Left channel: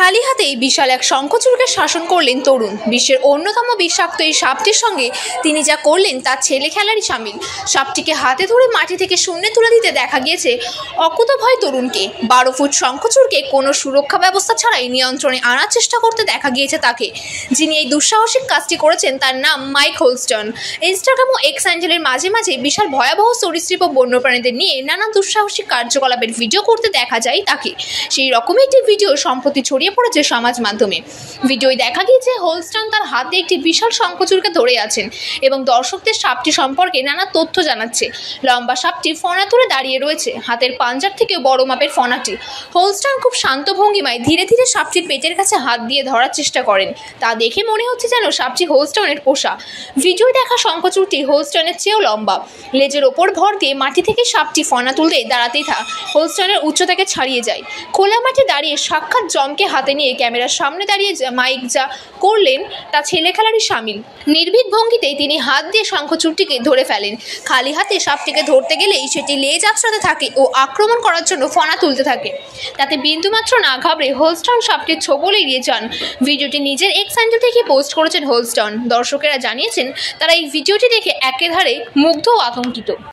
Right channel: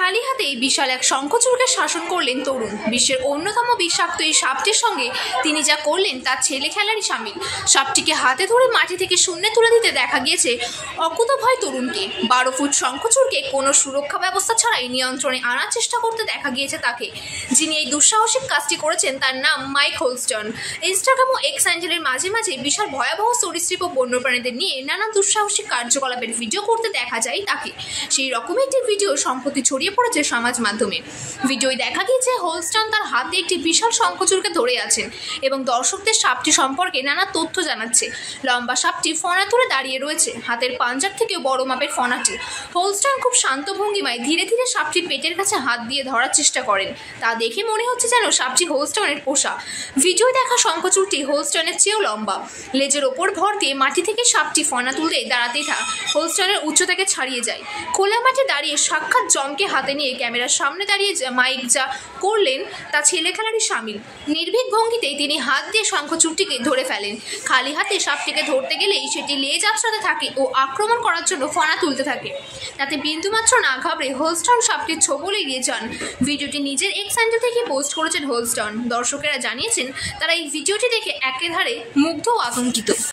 খালি হাতেই বিশাল এক শঙ্খচূড়কে শাসন করলেন তরুণ। বিশ্বের অন্যতম বিষাক্ত এই সাপটির সঙ্গে তিনি যা করলেন তার ছেলে খেলারই সামিল। সাপটিকে হাতে ধরে মাটি থেকে শূন্যে তুলে দিতে দেখা গিয়েছে অকুতোভয় তরুণকে। 12 ফুট শঙ্খচূড়কে কোনো সুরক্ষা ব্যবস্থা ছাড়াই নিয়ন্ত্রণে আনার চেষ্টা করতে দেখা গিয়েছে তাকে। যিনি এই দুঃসাহসিক কাজটি করেছেন তার নাম মাইক হোলস্টন। ইনস্টাগ্রাম ও এক্স হ্যান্ডেলের মাঝে মাঝে বিশাল ভয়াবহ সরীসৃপ ও বন্যপ্রাণীদের নিয়ে নানা দুঃসাহসিক কার্যকলাপের ভিডিও করতে দেখা যায় তাকে। সেই রকমই একটি ভিডিও সম্প্রতি ছড়িয়ে পড়েছে সমাজ মাধ্যমে। ভিডিওয় দেখা গিয়েছে হোলস্টন তার হাতে একটি বিশাল শঙ্খচূড়কে ধরে আছেন এবং দর্শকদের সাপটি সম্পর্কে নানা তথ্য জানাচ্ছে। লম্বা সাপটি ফনা তুলে দাঁড়িয়ে রয়েছে, হাতের পাঞ্জার থেকে বড় মাপের ফনাটি। হোলস্টন খুব শান্ত ভঙ্গিমায় ধীরে ধীরে সাপটির পেটের কাছে হাত দিয়ে ধরার চেষ্টা করেন। তা দেখে মনে হচ্ছে যেন সাপটি হোলস্টনের পোষা। ভিডিওয় দেখা শঙ্খচূড়টি হোলস্টনের চেয়েও লম্বা। লেজের ওপর ভর দিয়ে মাটি থেকে সাপটি ফনা তুলতে দাঁড়াতেই হোলস্টনের উচ্চতাকে ছাড়িয়ে যায়। খোলা মাঠে দাঁড়িয়ে সাক্ষাৎ জমকে হাতে নিয়ে ক্যামেরার সামনে দাঁড়িয়ে মাইক যা করলেন তা ছেলে খেলারই সামিল। নির্ভীক ভঙ্গিতেই তিনি হাত দিয়ে শঙ্খচূড়টিকে ধরে ফেলেন। খালি হাতে সাপটিকে ধরতে গেলেই সেটি লেজ আঁচড়াতে থাকে ও আক্রমণ করার জন্য ফনা তুলতে থাকে। তাতে বিন্দুমাত্র না ঘাবড়ে হোলস্টন সাপটির ছোবল এড়িয়ে যান। ভিডিওটি নিজের এক্স হ্যান্ডেল থেকে পোস্ট করেছেন হোলস্টন। দর্শকেরা জানিয়েছেন তারা এই ভিডিওটি দেখে একেবারে মুগ্ধ ও আতঙ্কিত।